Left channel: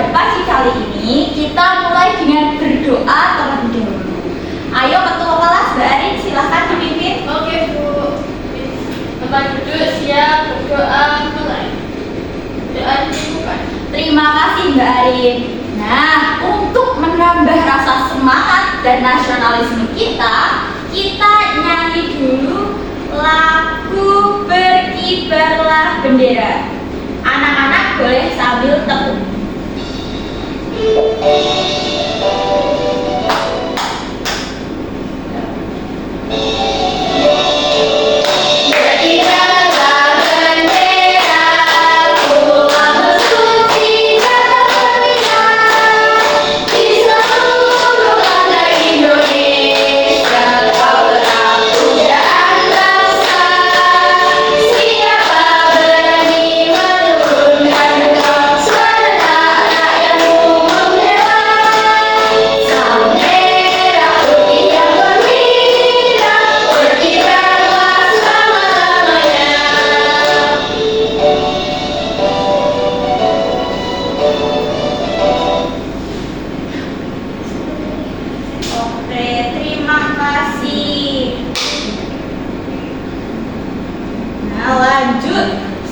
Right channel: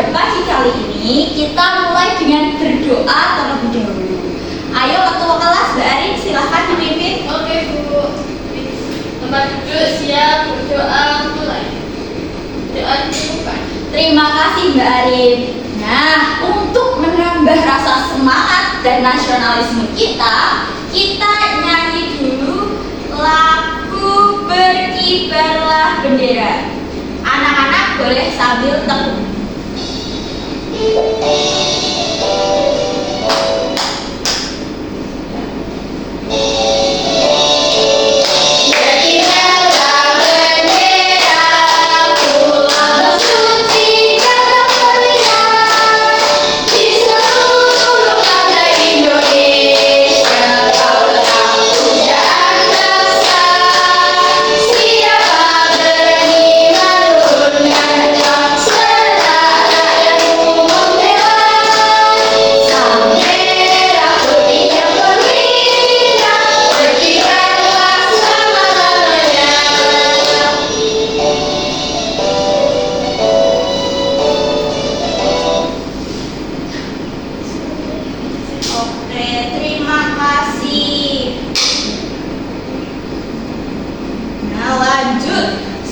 pada pagi kali ini kita mulai dengan berdoa terlebih dahulu. Ayo ketua kelas Mbak Arin, silahkan dipimpin. Oke Bu. Tempat duduk, siap, berdoa, mulai. Doa dimulai. Terima kasih Mbak Arin. Nah, untuk menambah rasa semangat dan nasionalisme kita nyanyi dulu lagu Berkibarlah Bendera. Anak-anak boleh sambil tepuk.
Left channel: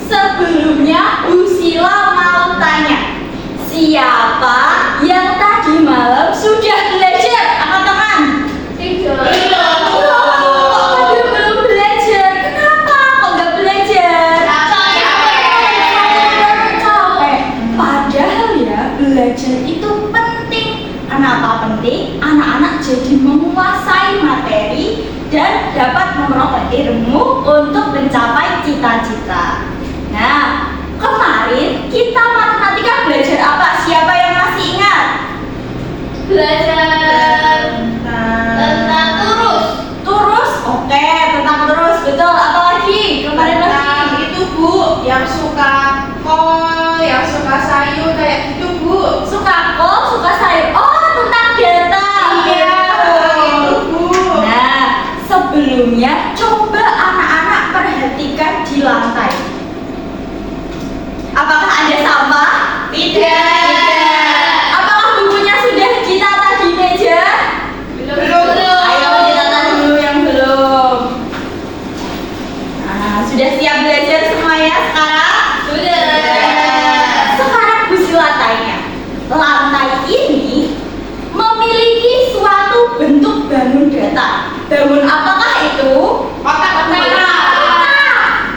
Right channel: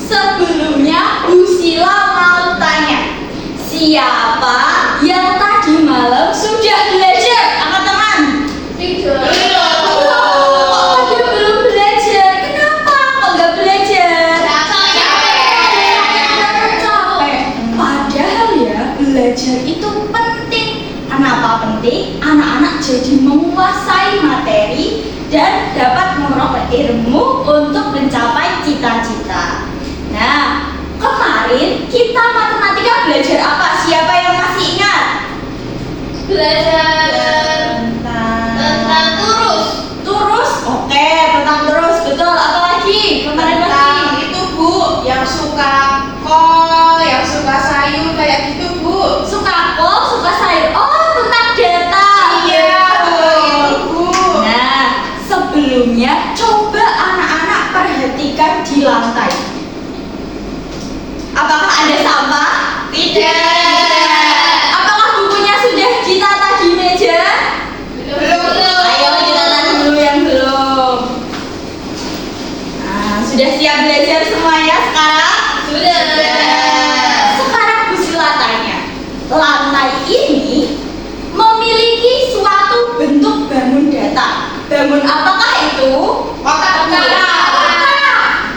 Sebelumnya Bu Sila mau tanya, siapa yang tadi malam sudah belajar? Teman-teman? Tidak. Kok pada belum belajar? Kenapa kok nggak belajar? Capek. Padahal ya belajar itu penting. Kenapa penting? Anak-anak jadi menguasai materi dan dapat memperoleh ilmu untuk mencapai cita-cita. Nah, kemarin kita matematika belajar apa? Siapa yang masih ingat? Belajar tentang turus. Turus? Oke, tentang turus. Betul. Apa lagi? Kemarin masih itu Bu, yang suka kol, yang suka sayur kayak gitu Bu. suka kol, suka sayur. Oh, tentang data. Iya, itu Bu. Nah, sebelumnya coba anak-anak perhatikan di lantai. Apakah ada sampah? Tidak. Apakah bukunya sudah ditata di meja? Belum. Ayo ditata dulu yang belum. Nah, sudah siap belajar semuanya sekarang? Sudah. Sekarang Bu Sila tanya, lantai ini memiliki suatu bentuk bangun data. Bangun apakah itu? Kotak.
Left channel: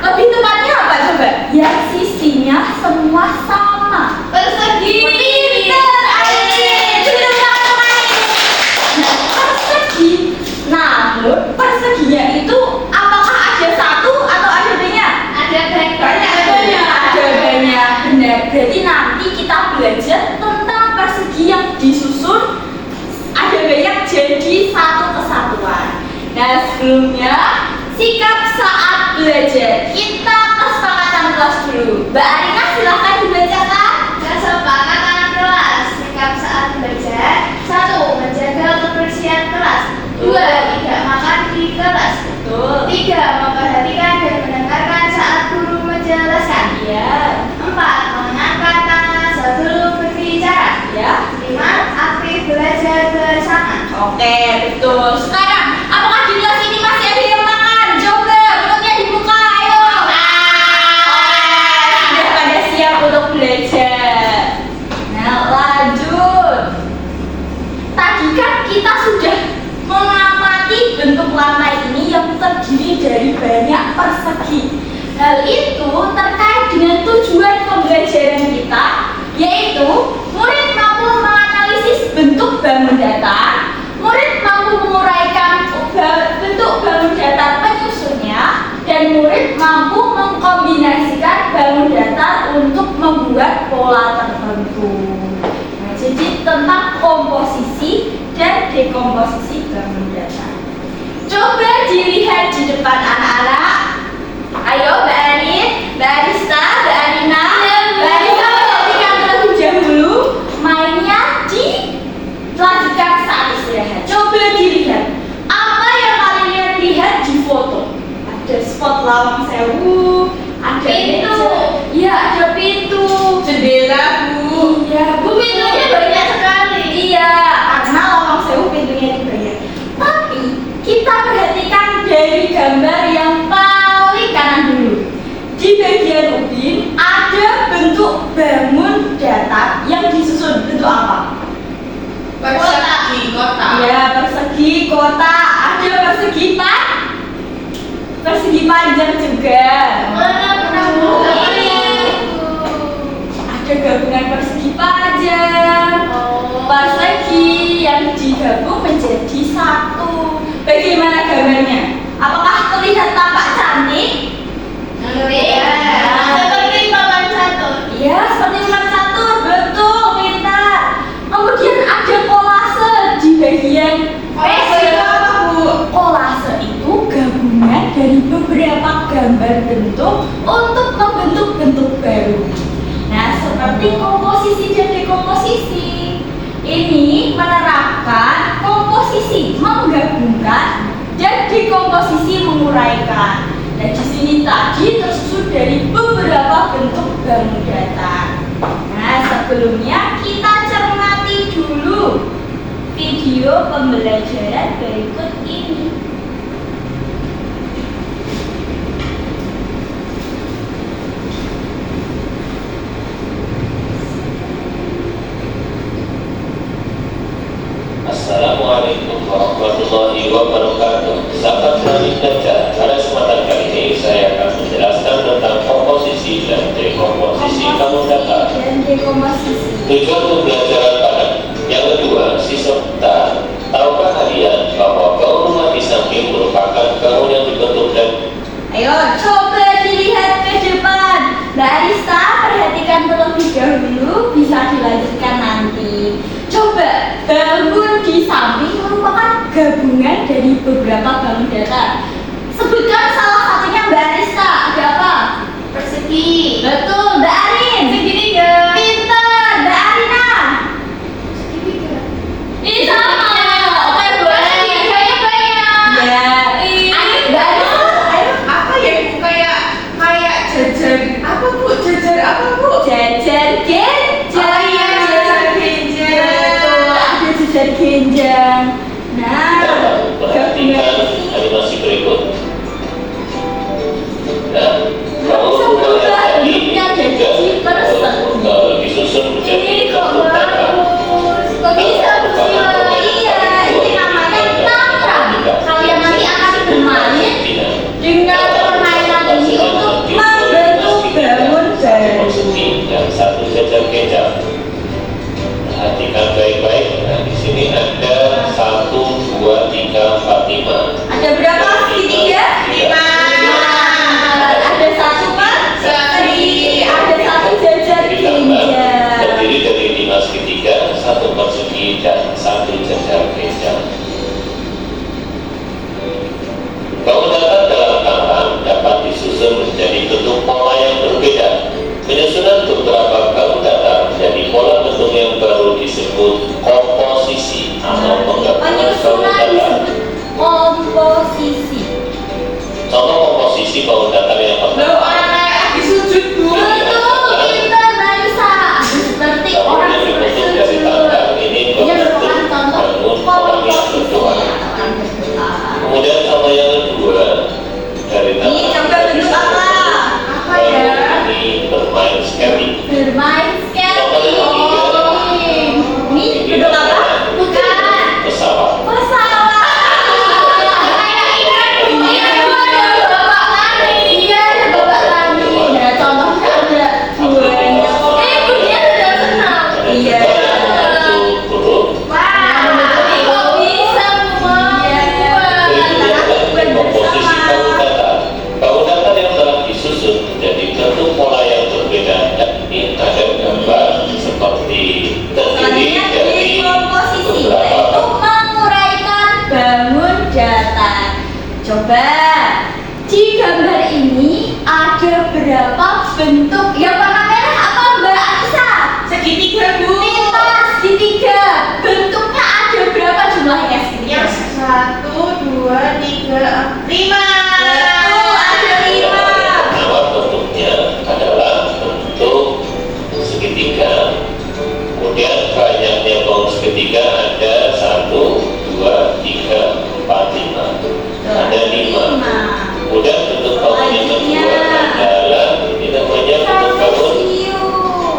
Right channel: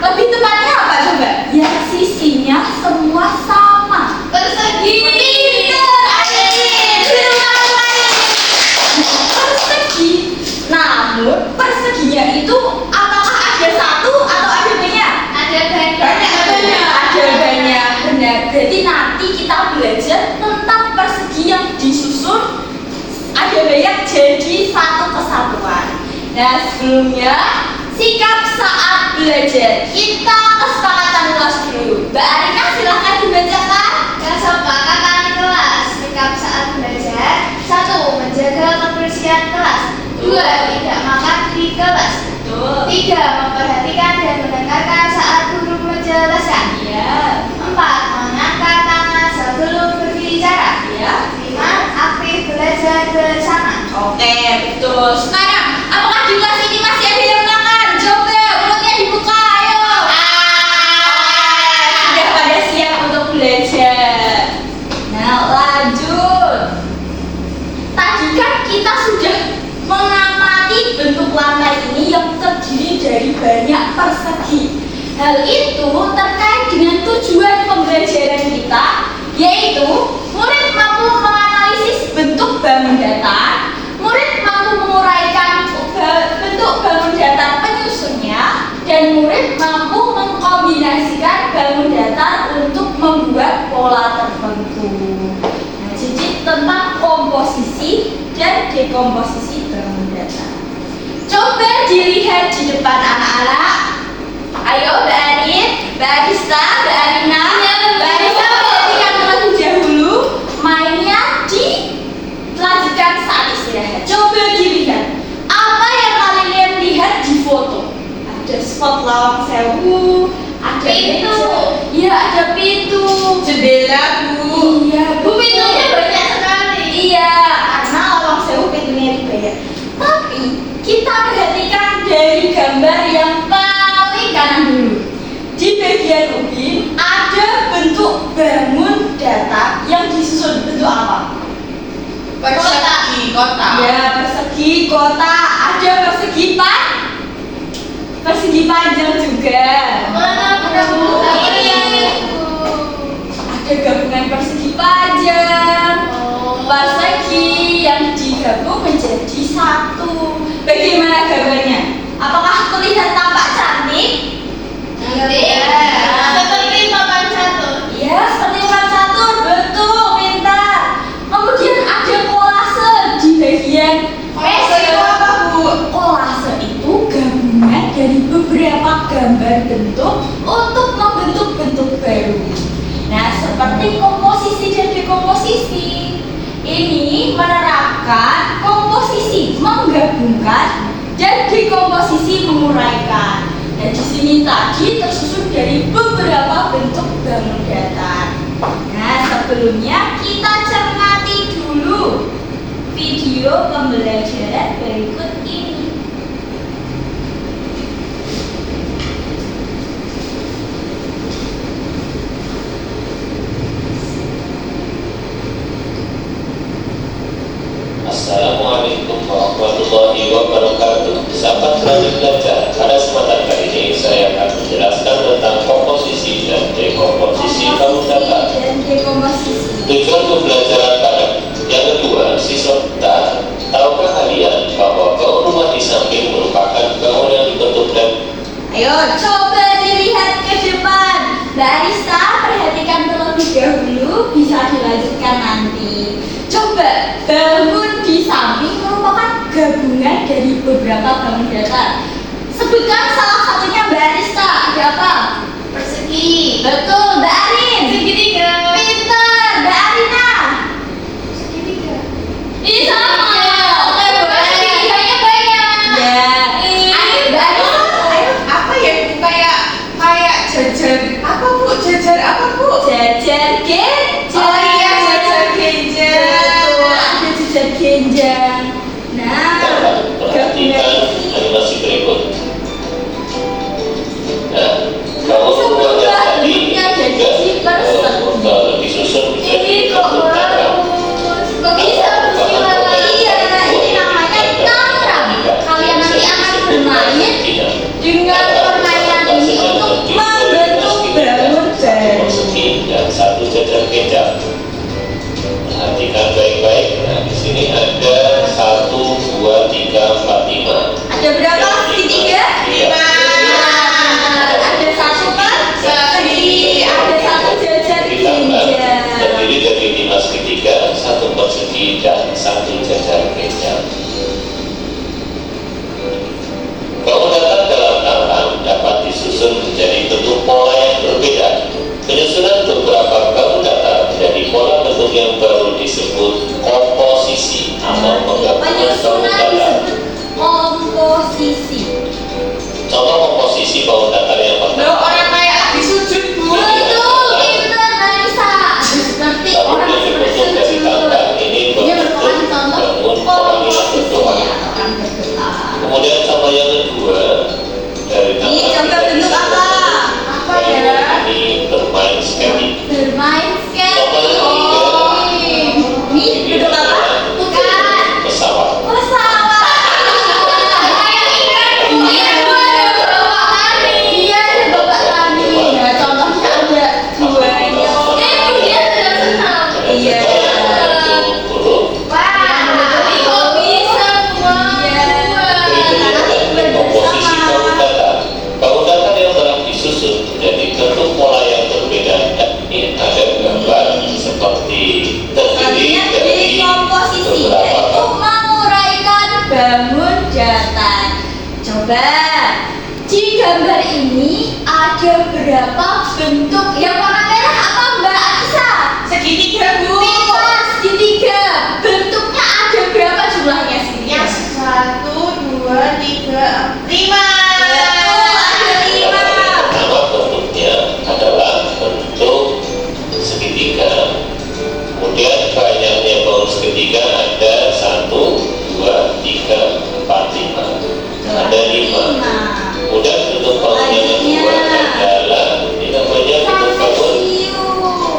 Lebih tepatnya apa coba? Yang sisinya semua sama. Persegi. Pinter, Arin. Belum kali. Nah, persegi. Namun perseginya itu apakah ada satu atau ada banyak? Ada banyak. Ada banyak. Benar. Berarti nanti kita belajar tentang persegi yang disusun ada banyak jadi satu kesatuan. Nah, sebelumnya sikap saat belajar. Kita kesepakatan kelas dulu. Mbak Arina silahkan dibacakan. Kesepakatan kelas. Sikap saat belajar. 1. Menjaga kebersihan kelas. 2. Tidak makan di kelas. Betul. 3. Memperhatikan dan mendengarkan saat guru menjelaskan. Iya. 4. Mengangkat tangan sebelum berbicara. Ya. 5. Aktif belajar bersama. Oke, betul. Sekarang, apakah di kelas ini masih ada yang makan? Coba mulutnya dibuka, ayo. Sudah pada siap untuk belajar. Nah, lanjut. Tadi kan kita sudah mengamati bentuk lantai ini yang terdiri dari banyak persegi. Hal itu terkait dengan tujuan pembelajaran kita, yaitu murid mampu menganalisis bentuk bangun datar, murid mampu menguraikan bentuk bangun datar penyusunnya, dan murid mampu mengkombinasikan bangun datar untuk membuat pola tertentu. Nah, jadi tentang komposisi dan dekomposisi bangun datar. Coba dilihat di depan anak-anak. Ayo Mbak Arin, Mbak Arista, Mbak Arina, Mbak Arista perhatikan terlebih dahulu. Mainnya dilanjutkan saat istirahat. Coba dilihat. Apa yang kalian lihat di foto? Ada spot Lawang Sewu, ada Pintu. Iya, ada pintu. Jendela Bu. Iya, Bu. persegi panjang juga. Mana Bu? Ada gabungan persegi panjang, persegi yang digabung menjadi satu. Bagaimana gambarnya? Apakah terlihat tampak cantik? Seperti papan catur. Iya, seperti papan catur, betul, pintar. Kemudian ada kolase di bagian Kolase itu apa, Bu? kolase itu gabungan dari beberapa gambar bentuk untuk membentuk bentuk baru. Nah, seperti komposisi dan dekomposisi. Ini menerapkan komposisi menggabungkan dan dekomposisi menguraikan. Dan di sini tadi tersusun dari beberapa bentuk bangun datar. Nah, sebelumnya kita cermati dulu video pembelajaran berikut ini. Assalamualaikum warahmatullahi wabarakatuh. Sahabat Radit Belajar, pada kesempatan kali ini saya akan menjelaskan tentang komposisi dan dekomposisi bangun datar. Dan dekomposisi. Tujuan pembelajaran pada yang kedua, siswa kita, tahukah kalian bahwa bangun rumah di samping merupakan bangun yang dibentuk dan Ayo coba dilihat ke depan. Mbak Arista, perhatikan terlebih dahulu, bisa dilanjutkan nanti. Coba, bangun di samping merupakan gabungan dari beberapa bangun datar. Sebutkan salah satunya Mbak Arista. Ada apa? Persegi. Betul, Mbak Arin. Segitiga. Pintar, Mbak Arina. Segitiga. Ini sama. Oke, boleh. Segitiganya banyak. Ya. Mbak Arista, ayo. Apa ya, Bu? Kayak jajar. Apa, Bu? Jajar apa, Bu? Jajar genjang. Oh iya, jajar genjang. Betul, ada jajar genjang. Nah, dapat perhatikan animasi berikut. Nah, bangun rumah yang tadi juga disusun menjadi ini kok bentuk datar. bagus. Kok bisa bersila? Iya, ini namanya tantrang. Kalian nanti akan bermain dengan permainan ini untuk membentuk bangun baru. Persegi dan satu jajar kecap. Perhatikan baik-baik. Nah, di sini ada 1, 2, 3, 4, 5. Ada berapa segitiga? 5. Ada satu persegi, ada satu jajar Ditambah genjang. terdiri dari 5 segitiga, 1 persegi dan 1 jajar kecap. Bangun datar dalam tangan dapat disusun menjadi bentuk pola yang berbeda. Penyusunan beberapa bangun datar menjadi pola bentuk yang baru disebut komposisi atau penggabungan bangun Penyusunan datar. disebut komposisi. Contoh komposisi bangun datar yang Loh, pertama. orang kayak lagi sujud, Bu. Betul, pintar Marisa. Seperti Bangun orang yang dibentuk dari bersujud. tangan ini Ini berbentuk merupakan contoh bangun orang yang komposisi berdoa. atau orang berdoa. Kemudian contoh yang kedua dari Ini coba bentuk apa? Apa ya? Ini bermain skating. Bermain Contoh yang skating. ketiga Ini bentuk apa? Bukan. pesawat. Pesawat. Iya, ada bapak kami. Iya, ada bapak kami. Nah, contohnya ada duanya. Dia sudah senang. Iya. Ini kok bisa semuanya? Berikutnya adalah komposisi bangun datar. Bangun datar yang telah disusun menjadi bentuk pola yang berbeda. Yakni ada gambar seperti terdiri Selanjutnya dari dekomposisi, beberapa yaitu menguraikan bangun datar. Coba di gambar ini ada berapa bentuk? Yang warna merah apa Mbak Anissa? Segitiga, Bu. Pintar, segitiga. Bentuknya ada berapa jumlahnya segitiga? Yang 1, 2, 3, 5. Betul, ada 5. Pertama bentuknya adalah bentuk segitiga. Kemudian banyaknya bangun segitiga ada 1, 2, 3, 4, 5. Ada 5. Kemudian bentuk bangun yang kedua adalah ini namanya bentuk bangun.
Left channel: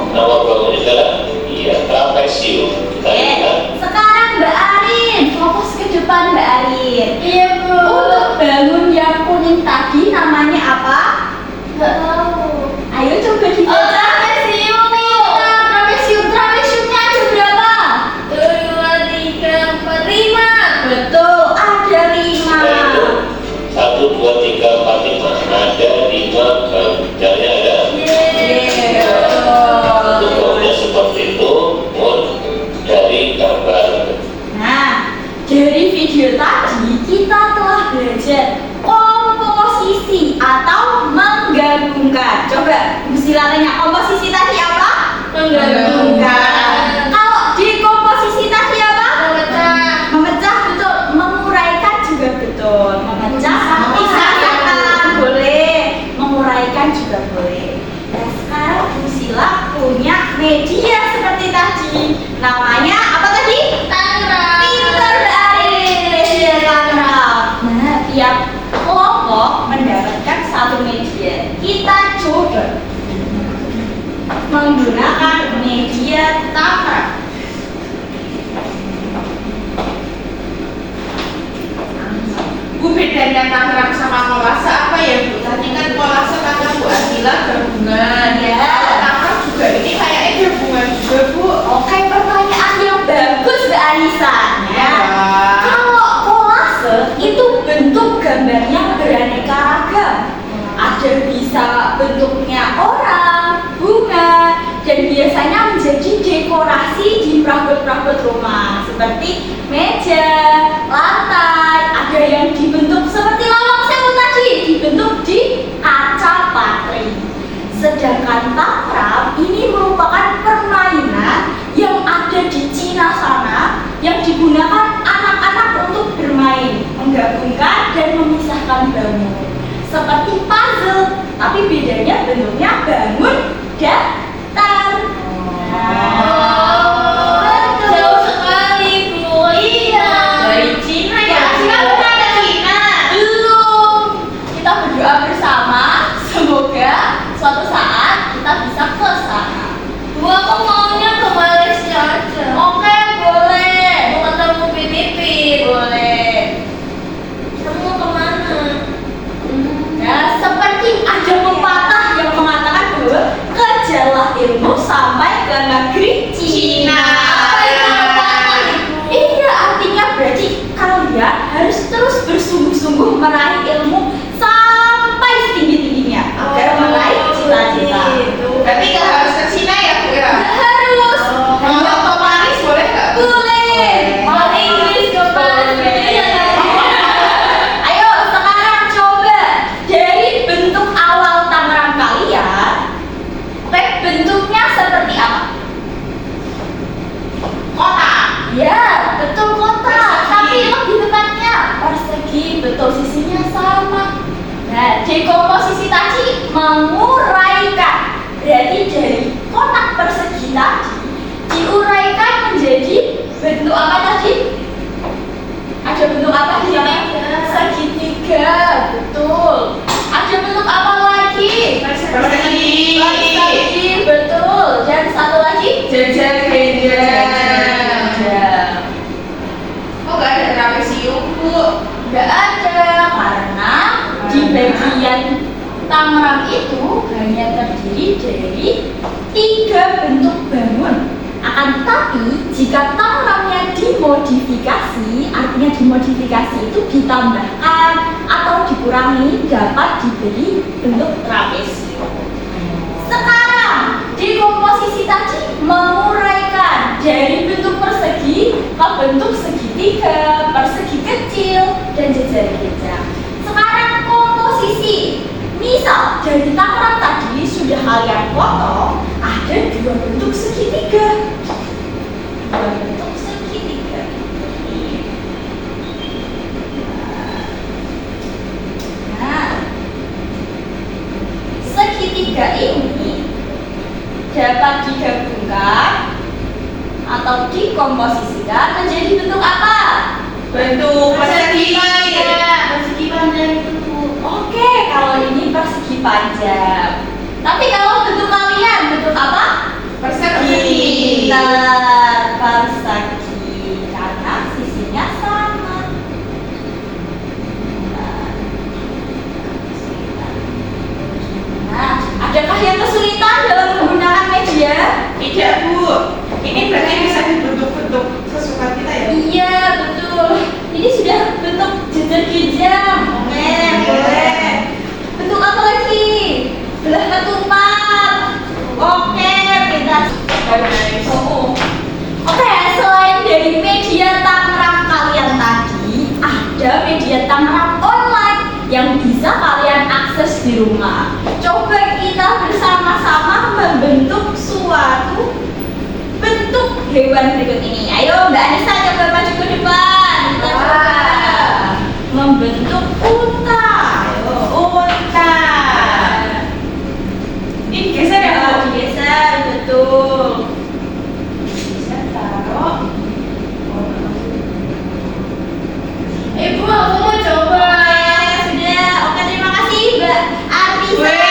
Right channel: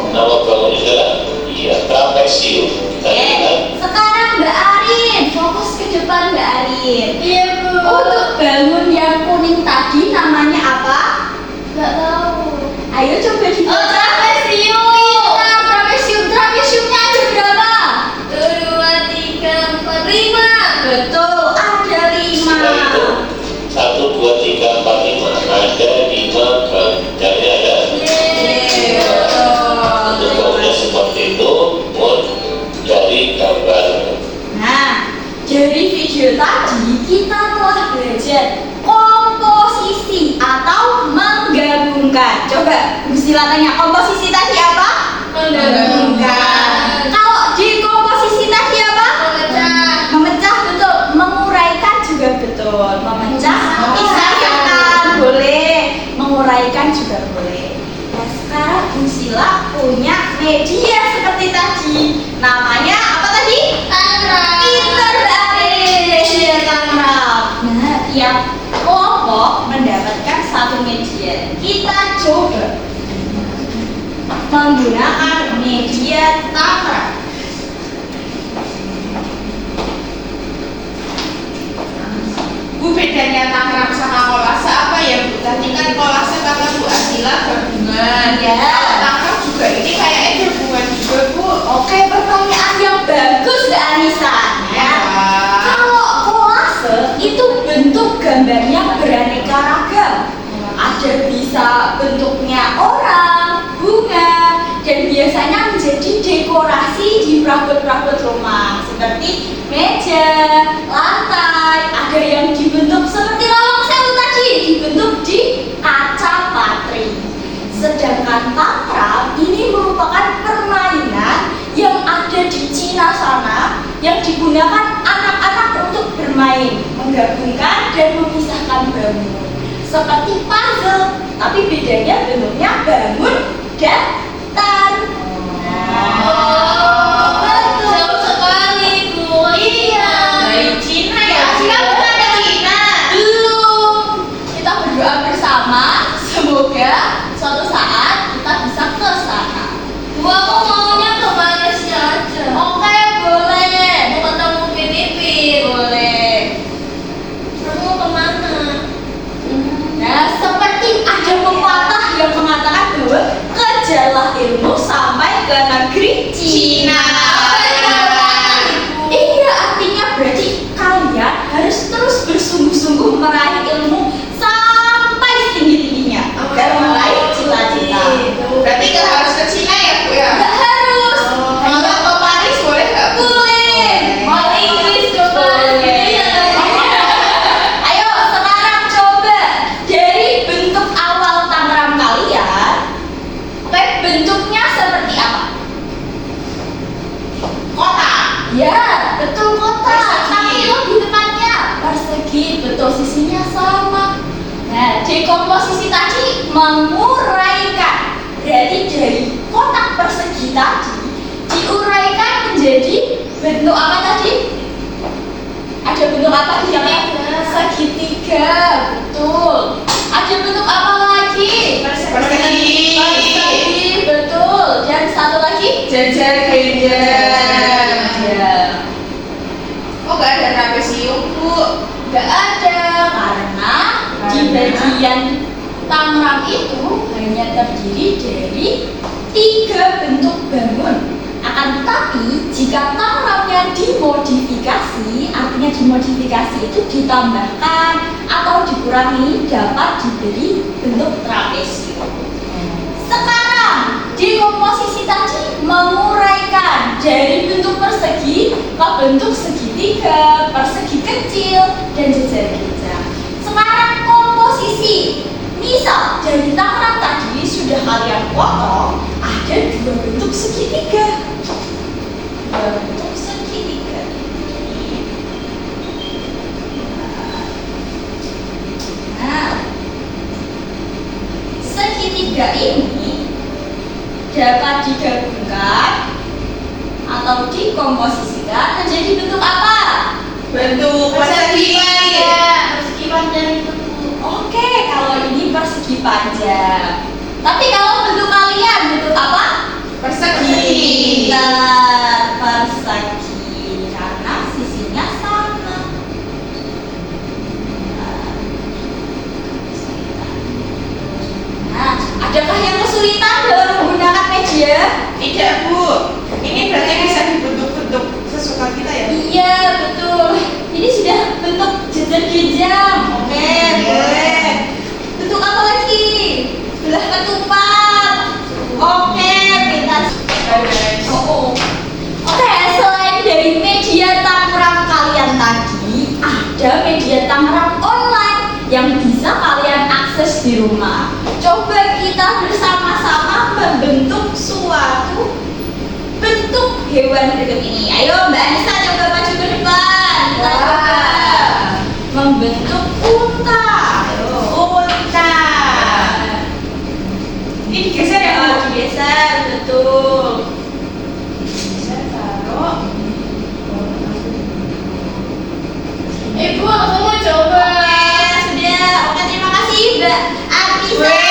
Nama bangunnya adalah trapesium. Kita lihat Sekarang Mbak Arin, fokus ke depan Mbak Arin. Iya, Bu. Untuk video tadi kita telah belajar komposisi atau menggabungkan. Coba Bu Sila tanya, komposisi tadi apa? Menggabungkan. Kalau di komposisi tadi apa? Memecah, betul. Menguraikan juga betul. Memecah, pisahkan boleh. Menguraikan juga boleh. Nah sekarang Bu Sila punya media seperti tadi. Namanya apa tadi? Tangraf. Pinter dari media tangraf. Nah tiap kelompok mendapatkan satu media. Kita coba menggunakan media tangraf. Bu, bedanya tangraf sama kolase apa ya Bu? Tadi kan kolase kata Bu Asila gabungan. Ya. Kalau tangraf juga ini kayaknya gabungan juga Bu. Oke, pertanyaan yang bagus Mbak Anissa. Ya. Wah. Kalau kolase itu bentuk gambarnya beraneka ragam. Ada bisa bentuknya orang, bunga, dan biasanya menjadi dekorasi di perabot-perabot rumah seperti meja, lantai. Ada yang dibentuk seperti lawang sewu tadi, dibentuk di kaca patri. Sedangkan tangraf ini merupakan permainan yang ada di Cina sana yang digunakan anak-anak untuk bermain, menggabungkan dan memisahkan bangun. Seperti puzzle, tapi bedanya bentuknya bangun dan tan. Betul. Jauh sekali Bu. Iya. Dari Cina ya. Cina bukan ada Cina. Belum. Kita berdoa bersama, semoga suatu saat kita bisa ke sana. Bu, aku maunya ke Malaysia aja. Oke, boleh. Mau ketemu Filipin. Boleh. Kamu kemana? Nah, seperti ada pepatah yang mengatakan bahwa kejarlah ilmu sampai ke negeri Cina. Apa itu pepatah, Ibu? Iya, artinya berarti kalian harus terus bersungguh-sungguh meraih ilmu sampai setinggi-tingginya agar meraih cita-cita. Berarti nggak harus ke Cina ya Bu ya? Nggak harus. Kalau ke Paris boleh nggak Bu? Boleh. Mau Inggris ke Paris gitu ya kan? Ayo sekarang coba dari bentuk awal tangram kalian, bentuknya seperti apa? Kota. Ya, betul kota. Persegi. Tapi lebih tepatnya persegi, betul sisinya sama. Nah, di komposisi tadi menguraikan. Berarti dari kotak persegi tadi diuraikan menjadi bentuk apa tadi? Ada bentuk apa di sana? Segitiga, betul. Ada bentuk apa lagi? Persegi. Persegi, betul. Dan satu lagi? Jajar gendang. Ya. Oh nggak ada trapesium Bu? Gak ada karena di bagian tangram itu hanya terdiri dari 3 bentuk bangun. Akan tetapi jika tanramnya dimodifikasi, artinya dimodifikasi itu ditambahkan atau dikurangi dapat diberi bentuk trapesium. Sekarang di komposisi tadi menguraikan dari bentuk persegi ke bentuk segitiga, persegi kecil, dan jajar gendang. Sekarang komposisi, misal dari tangram tadi sudah kalian potong, ada 2 bentuk segitiga. 2 bentuk segitiga. Nah, segitiga ini dapat digabungkan atau dikomposisikan menjadi bentuk apa? Bentuk persegi. Persegi panjang itu Bu. Oke, kalau ini persegi panjang. Tapi kalau bentuk kalian bentuk apa? Persegi. Pintar, persegi karena sisinya sama. Nah, adakah yang kesulitan dalam menggunakan media? Tidak Bu. Ini berarti bisa dibentuk-bentuk sesuka kita ya? Iya, betul. Ini sudah bentuk jajar gendang. Oke, boleh. Bentuk apa lagi? Belah ketupat. Oke, pintar. Bye guys. Oh, oh. di rumah. Coba kita bersama-sama membentuk suatu bentuk hewan berikut ini. Ayo Mbak Anissa coba maju ke depan. Kita coba membentuk unta. Unta. Ini geser ya, Bu? Digeser, betul. Saya taruh. Ibu, aku mau coba. Sudah. Oke, terima kasih Mbak Anissa. Weh.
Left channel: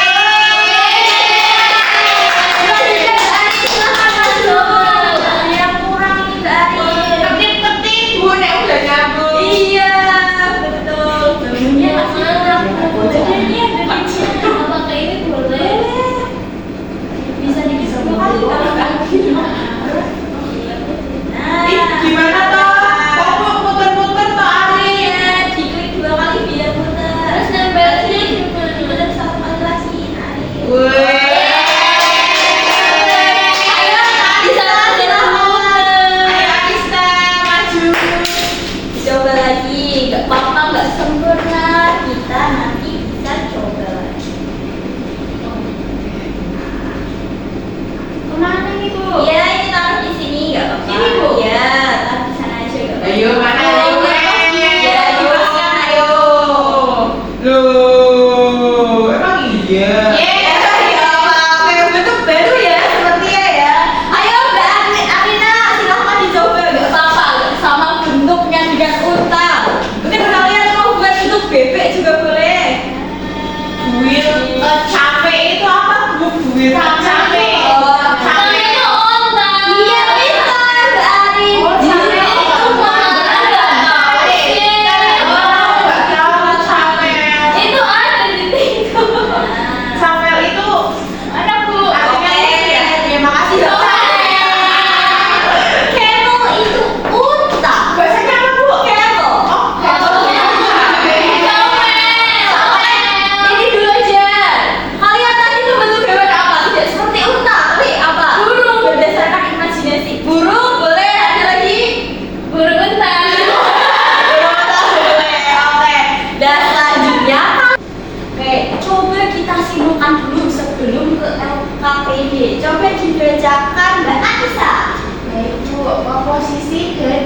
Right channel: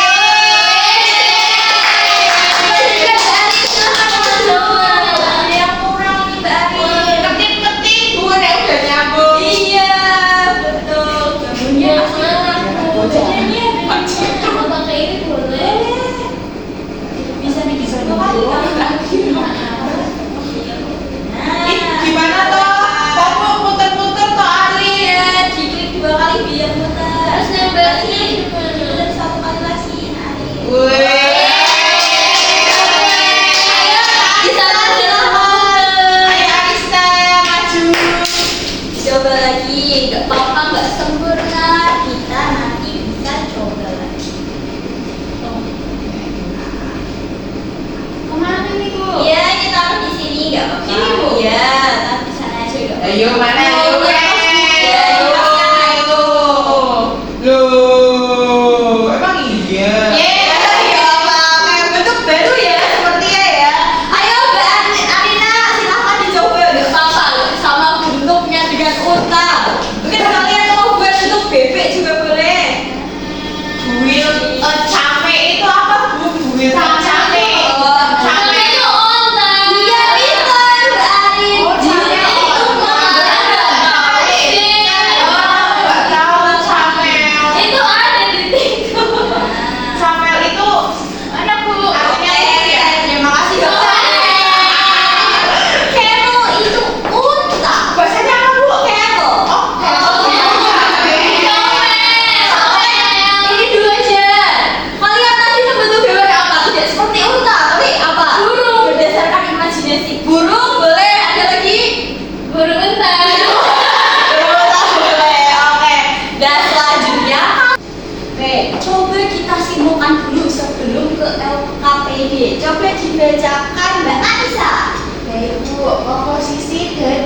Yang kurang nih Mbak Arin. Ketik-ketik, Bu, nek udah nyambung. Iya, betul. Bangunnya masih ada. Badannya ada di Mau pakai ini boleh. bisa digeser ke kali. Ih, gimana toh? Kok muter-muter toh, Ari? Iya, diklik 2 kali biar muter. Terus nempel sini. Muter 1 kali lagi. Arin. Weh. Ayo, bisa muter. Ayo Arista, maju. Coba lagi, nggak apa-apa, nggak sempurna. Kita nanti bisa coba lagi. Kemana nih, Bu? Iya, ini taruh di sini, nggak apa-apa. Sini, Bu? Iya, taruh di sana aja, nggak apa-apa. Ayo mana? Ayo. Iya, Ayo. Loh, emang iya? Iya, ya apa? Kayak bentuk baru ya, sepertinya ya. Ayo Mbak Arina, silahkan dicoba. Nggak apa-apa, sama bentuknya dengan unta. Mungkin kalian mau buat bentuk bebek juga boleh. Buil, capek itu apa, Bu? Buil capek. Kalau itu onta. Iya, pintar Mbak Arin. Oh, capek Itu onta. Nggak tahu capek. Itu ada di TikTok. Capek itu Ada, Bu. artinya apa ya? Terima kasih dokter. Camel itu unta. Bahasanya apa, Bu? Camel. Oh, Ini dulu aja. Kalian tadi membentuk hewan apa? Tidak seperti unta, tapi apa? Burung. Berdasarkan imajinasi. Burung boleh. Ada lagi? Burung unta. Boleh. Oke. Dan selanjutnya, oke, coba kita simpulkan dulu sebelum ke LKPD. Coba dibacakan Mbak Anissa. Yaitu komposisi dan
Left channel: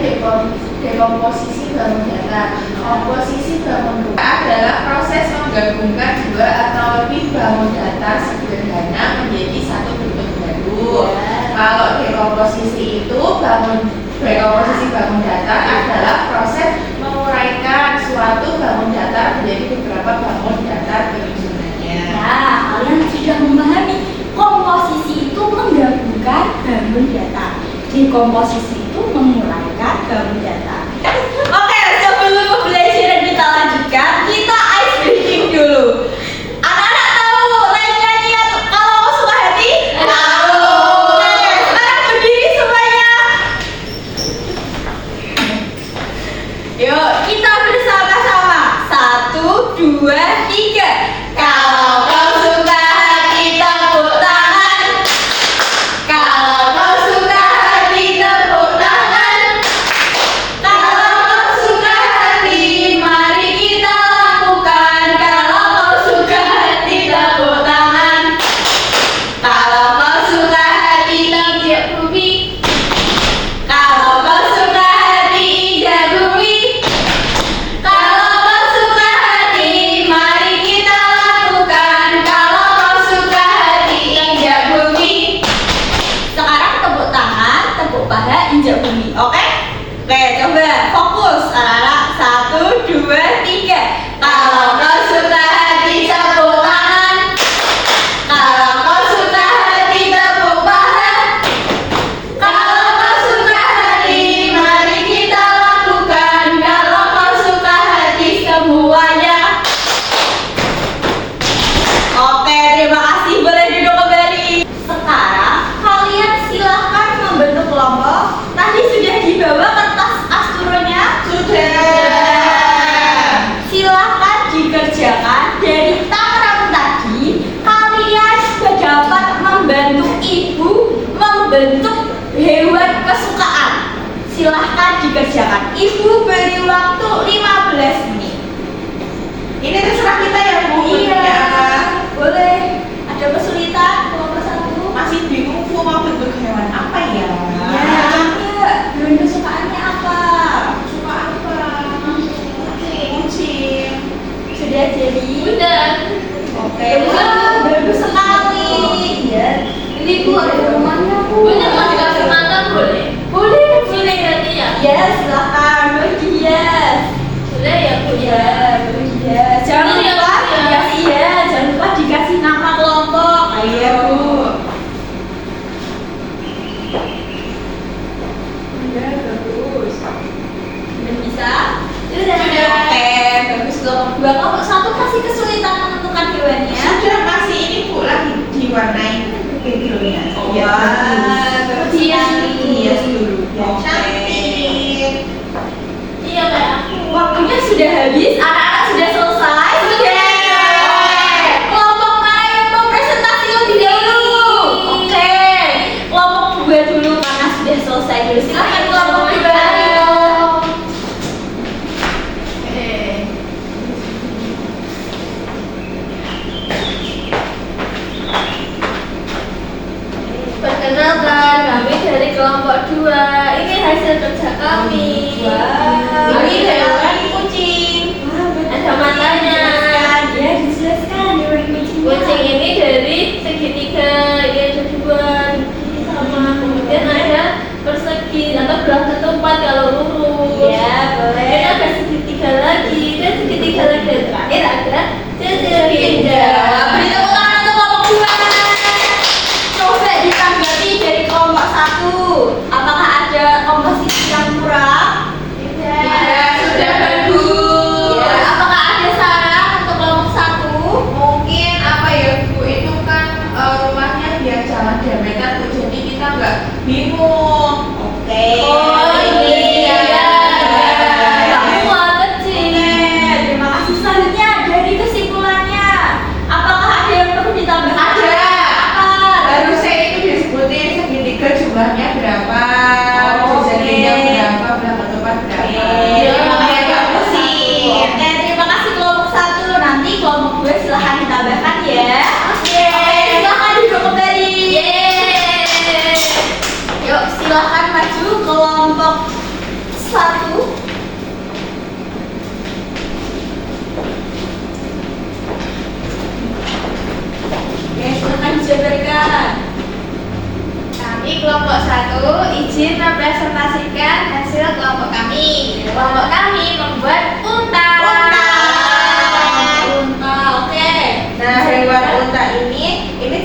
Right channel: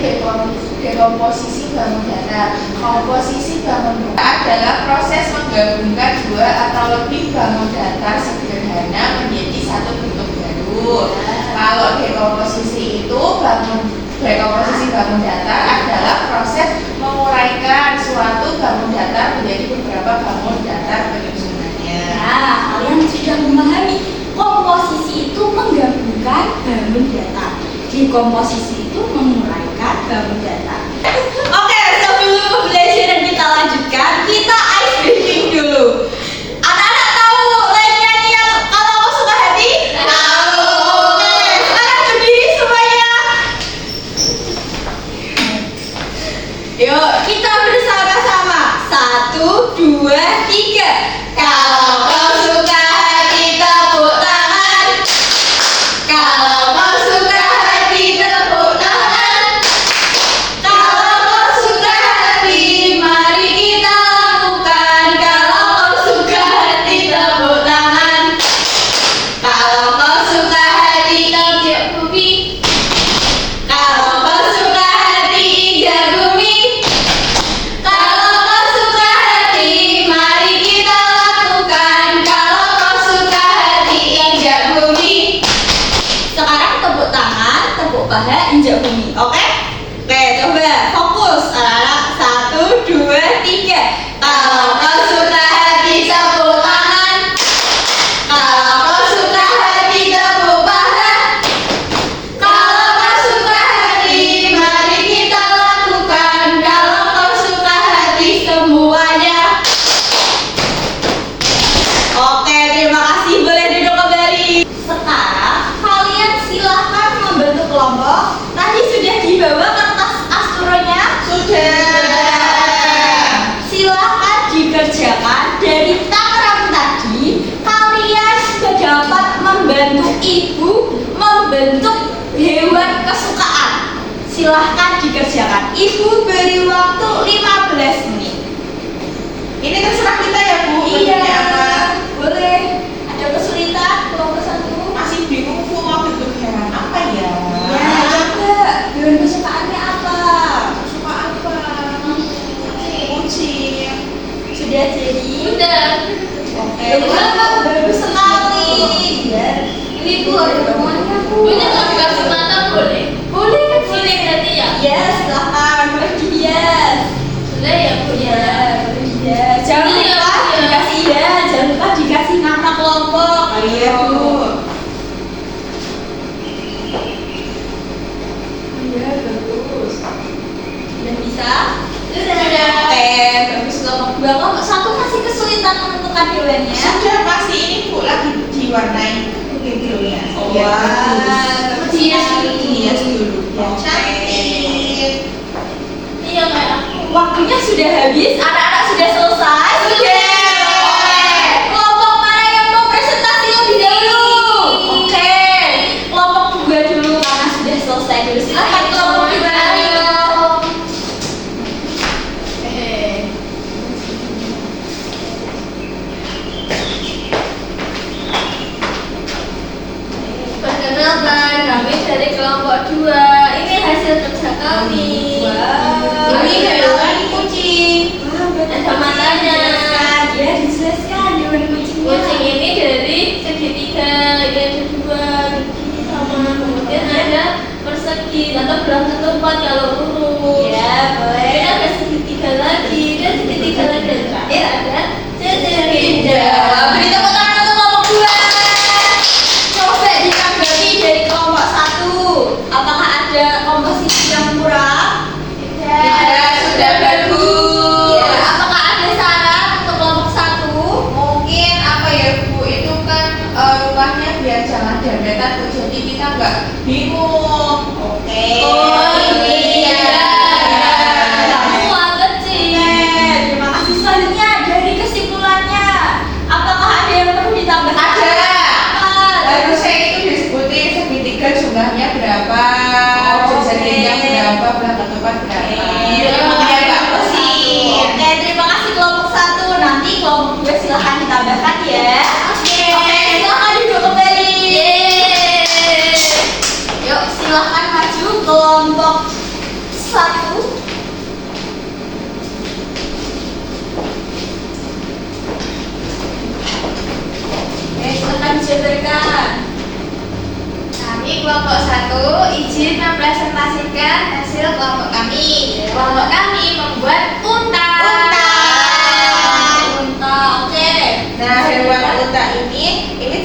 dekomposisi bangun datar. Komposisi bangun datar adalah proses menggabungkan dua atau lebih bangun datar sederhana menjadi satu bentuk baru. Kalau dekomposisi itu dekomposisi bangun datar adalah proses menguraikan suatu bangun datar menjadi beberapa bangun datar penyusunannya. Nah, kalian sudah memahami komposisi itu menggabungkan bangun datar. Dekomposisi itu menguraikan bangun datar. Oke, sebelum pembelajaran kita lanjutkan, kita ice breaking dulu. Anak-anak tahu lainnya niat kalau aku suka hati? Tahu. Oke, sekarang berdiri semuanya. Yuk, kita bersama-sama. 1, 2, 3. Kalau kau suka hati, tepuk tangan. Kalau kau suka hati, tepuk tangan. Kalau kau suka hati, mari kita lakukan. Kalau kau suka hati, tepuk tangan. Kalau kau suka hati, tepuk bumi. Kalau kau suka hati, injak bumi. Kalau kau suka hati, mari kita lakukan. Kalau kau suka hati, injak bumi. Sekarang tepuk tangan, tepuk paha, injak bumi. Oke? Oke, coba fokus. Anak-anak, 1, 2, 3. Kalau kau suka hati, tepuk tangan. Kalau kau suka hati, tepuk paha. Kalau kau suka hati, mari kita lakukan. Kalau kau suka hati, semuanya. Oke, terima kasih. Boleh duduk kembali. Sekarang kalian silahkan membentuk kelompok. Tadi sudah dibawa kertas astronya? Sudah. Silahkan dikerjakan. Dari tangan tadi, kalian sudah dapat membantu ibu membentuk hewan kesukaan. Silahkan dikerjakan. Ibu beri waktu 15 menit. Ini terserah kita ya, Bu. Iya. bentuknya apa. boleh. Ada kesulitan kelompok 1? Masih bingung Bu mau bentuk hewan apa ya? Ya, coba. Hewan kesukaannya apa? Suka apa? Kucing. Sudah jadi? Udah. Oke. Wah, bagus sekali. Ya. Ini Bu ada rumahnya Bu. Ini kalau dikasih mata boleh? Boleh, Boleh berarti ya? Ya, silakan. Boleh dihias. Sudah ya Bu ya. Ya, boleh dihias. Jangan Iya, lupa iya. dikasih ya. Jangan lupa dikasih nama kelompok. Iya Bu. Iya, bagus. Sudah bisa? Sudah. Oke, bagus kelompok 2. Kelompok 1 masih kesulitan menentukan hewannya. Sudah masih ini Bu lagi diwarnai backgroundnya. Wah, bagus sekali. Hias dulu. Biar Oke. cantik. Iya kayak aku. Waktunya sudah habis, anak-anak sudah selesai. Sudah. Oke. Kelompok mana yang mau presentasi lebih dahulu? Oke. Kelompok 2 dulu karena sudah selesai dulu. Silakan kelompok 2. Perkenalkan, kami dari kelompok 2. Ini hasil kerja kami. Wow. Ini hewan kucing. Ada matanya. Ya, dijelaskan hewan kucingnya. Kucing ini dari segitiga, ini ada 2 gigi sama kemudian ada persegi atau belah ketupat kalau lurus. Ya, boleh. Kemudian ada segitiga lagi dan segitiga lagi dan terakhir ada segitiga. Wah, beri tepuk tangan untuk kelompok 2. Coba ditanggapi dari kelompok 1. Apakah ada komposisi yang kurang? Tidak, sudah bagus. Ya, apakah ada saran untuk kelompok 1? Mungkin apa ya Bu, itu kan rumahnya biar jangan dempetan Bu, jadi kita nggak bingung. Oke. Oh, iya. Kamu Oke, kecil. terima kasih. Selanjutnya dari kesimpulannya, apakah ada yang perlu ditambahkan? Ada. Apa? Harusnya itu disebutin segitiga jumlahnya berapa, Oke. jadinya berapa, belah ketupat berapa. Terima kasih Biar nggak kelompok 1. pusing. Oke, terima kasih kelompok 1. Nanti kelompok 2 silahkan ditambahkan ya. Oke, silahkan duduk kembali. Yeay. Yuk, silahkan maju kelompok 1. Oke, silahkan dijabarkan. Kami kelompok 1 izin mempresentasikan hasil kelompok kami. Kelompok kami membuat unta. Unta, oke. Nah, hewan unta ini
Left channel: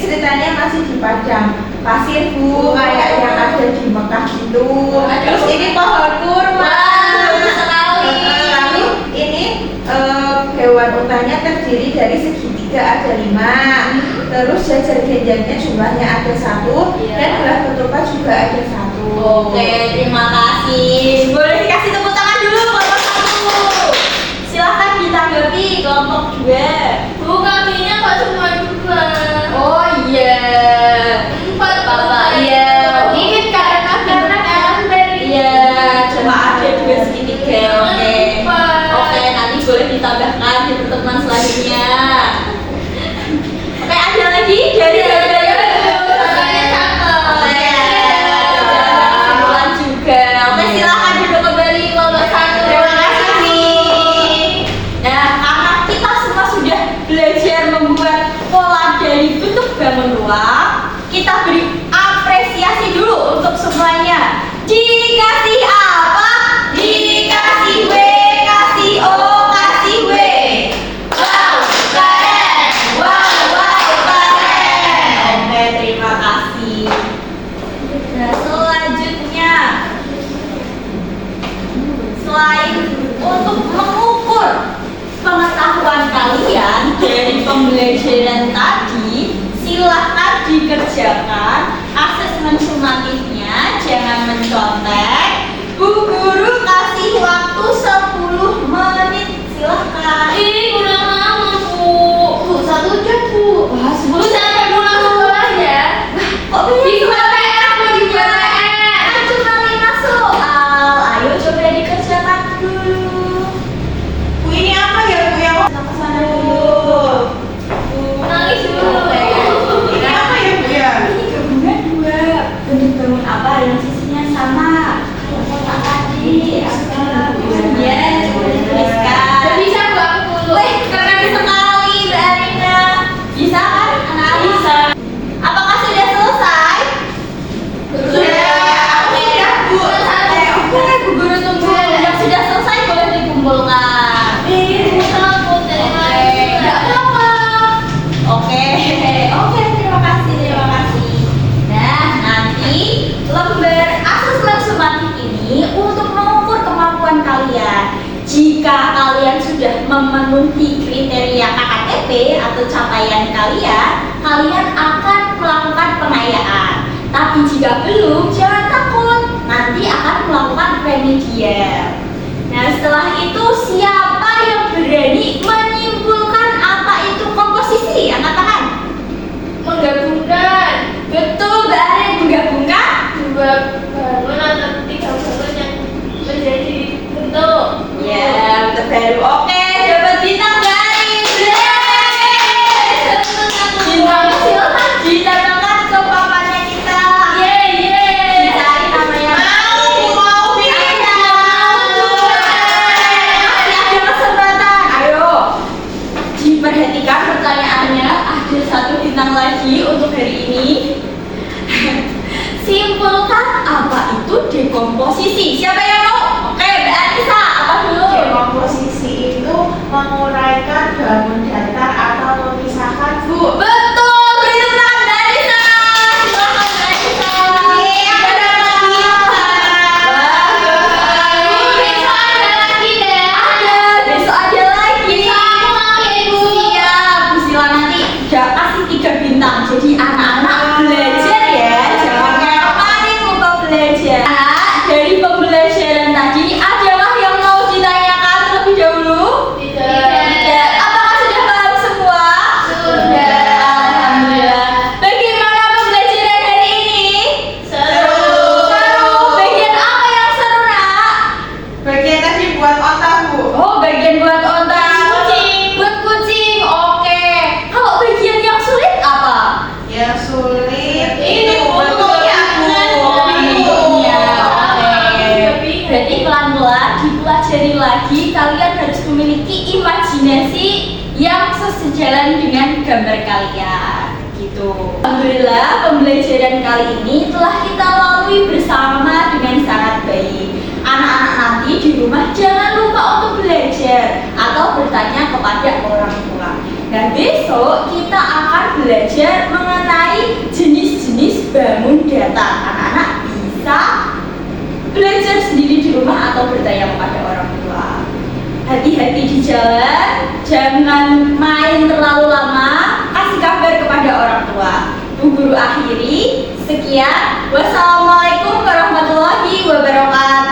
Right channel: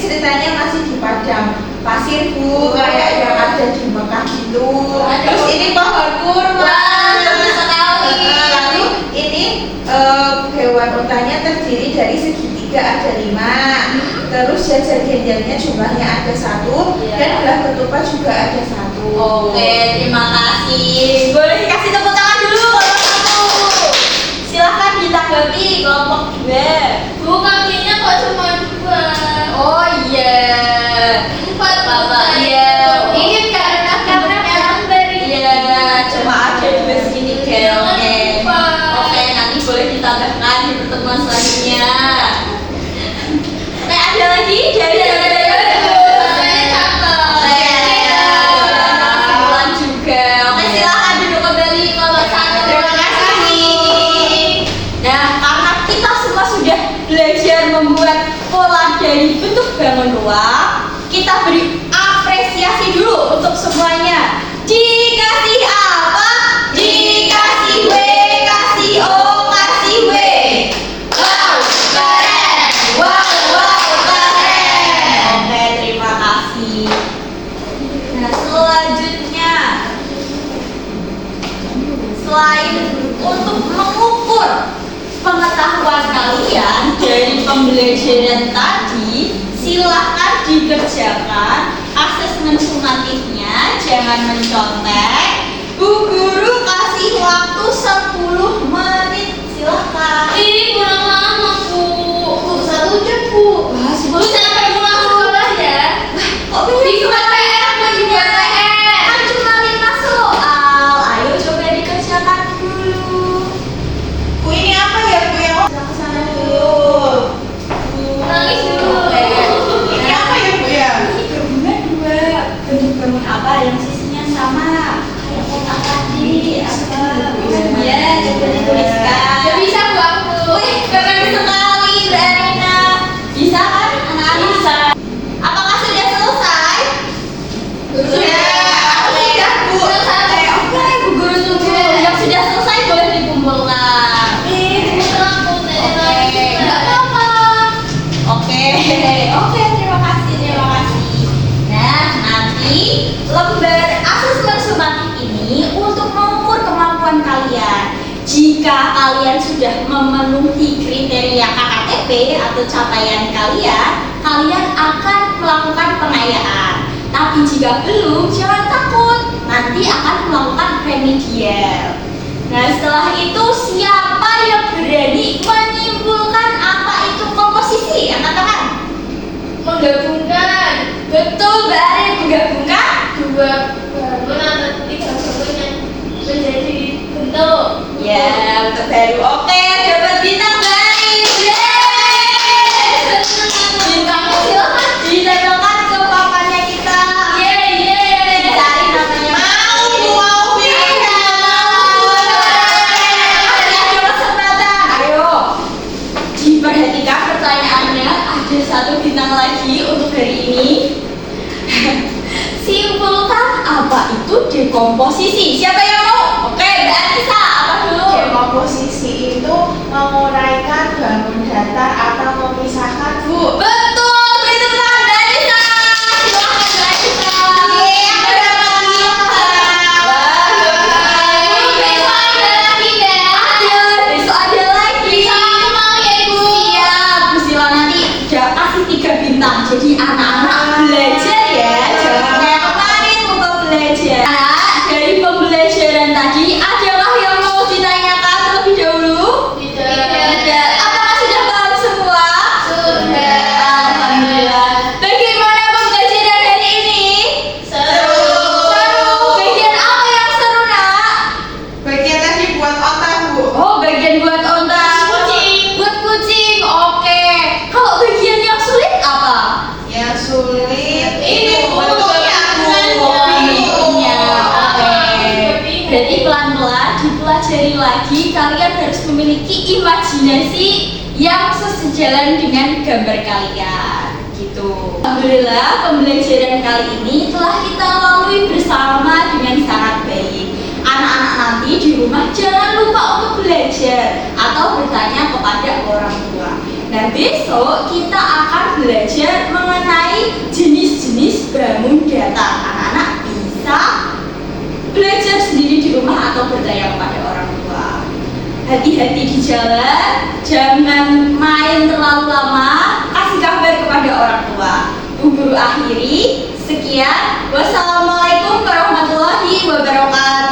ceritanya masih di padang pasir Bu, kayak yang ada di Mekah gitu. Terus ini pohon kurma. Wah, bagus sekali. Lalu ini hewan untanya terdiri dari segitiga ada 5. Terus jajar gendangnya jumlahnya ada 1. Iya. Dan belah ketupat juga ada 1. Oke, terima kasih. Boleh dikasih tepuk tangan dulu kelompok 1. Silahkan ditanggapi kelompok 2. Bu, kambingnya kok cuma 2? Oh iya. 4 Bapak, iya. Ini karena dari Iya, cuma ada 2 segitiga. Oke. Lupa. Oke, nanti boleh ditambahkan di pertemuan selanjutnya. Oke, ada lagi dari Soalnya cakep. kesimpulan juga. Oke, silakan duduk kembali kelompok 1. Terima kasih. Nah, karena kita semua sudah belajar membuat pola dari bentuk bangun ruang, kita beri apresiasi dulu untuk semuanya. Dikasih apa? Dikasih W, kasih O, kasih W. Wow, keren. Wow, wow, keren. Oke, terima kasih. Nah, selanjutnya, selain untuk mengukur pengetahuan kalian dari pembelajaran tadi, silahkan dikerjakan asesmen sumatifnya, jangan mencontek. Bu Guru kasih waktu 10 menit, silahkan. Ini kurang lama, Bu. Bu, 1 jam Bu. Wah, Bu, sampai pulang sekolah ya. Kok Dibuat PR, Bu, dibuat PR. Kan cuma 5 soal. Ayo coba dikerjakan dulu. Bu, ini apa ya Bu yang Kita kesana dulu. Nangis dulu jika kalian sudah memenuhi kriteria KKTP atau capaian kalian, kalian akan melakukan pengayaan. Tapi jika belum, jangan takut, nanti akan melakukan remedial. Nah, setelah itu siapa yang berani menyimpulkan apa itu komposisi? Angkat tangan. Menggabungkan Betul, Mbak Ari, menggabungkan. dua bangun atau tiga bangun yang menjadi bentuk. Ya, bentuk baru. Oke, dapat bintang Mbak Ari. Bintang, silakan ditempelkan ke papannya kita. Cari namanya. Mau Ada kesempatan. Ayo, diperhatikan pertanyaannya. Ada satu bintang lagi untuk hari ini. Simpulkan apa itu dekomposisi. Siapa yang mau? Oke, Mbak Arisa, apa dulu? Dekomposisi itu menguraikan bangun datar atau memisahkan, Bu. Betul, beri tepuk tangan Mbak Arisa. Silakan Mbak Arisa. Aku dapat besok ada lagi. Siap, Bu Sila nanti kasih 3 bintang. Jadi anak-anak belajar ya, jangan kayak kemarin lupa belajar. Nah, dari pembelajaran tadi, adakah yang mau ditanyakan terlebih dahulu? Tidak. Apakah sudah paham semua? Alhamdulillah. Bagaimana pembelajaran hari ini? Seru. Bagian apa yang seru, Nak? Bagian tadi buat otak, Bu. Oh, bagian buat onta. Buat kucing. Oke. Kalau bagian yang sulit apa? Yang sulit Ini itu bentuknya, Bu. Bentuknya. Oke. Berarti pelan-pelan dipelajari lagi. Kalian harus memiliki imajinasi yang sesejalan dengan gambar kalian. Gitu. Alhamdulillah, pembelajaran kali ini telah kita lalui bersama dengan sangat baik. Anak-anak nanti di rumah jangan lupa untuk belajar atau bertanya kepada orang tua. Nah, besok kita akan belajar mengenai jenis-jenis bangun datar. Anak-anak bisa belajar sendiri di rumah atau bertanya kepada orang tua. Hati-hati di jalan, jangan main terlalu lama, kasih kabar kepada orang tua. Bu Guru akhiri, sekian. Wassalamualaikum warahmatullahi wabarakatuh.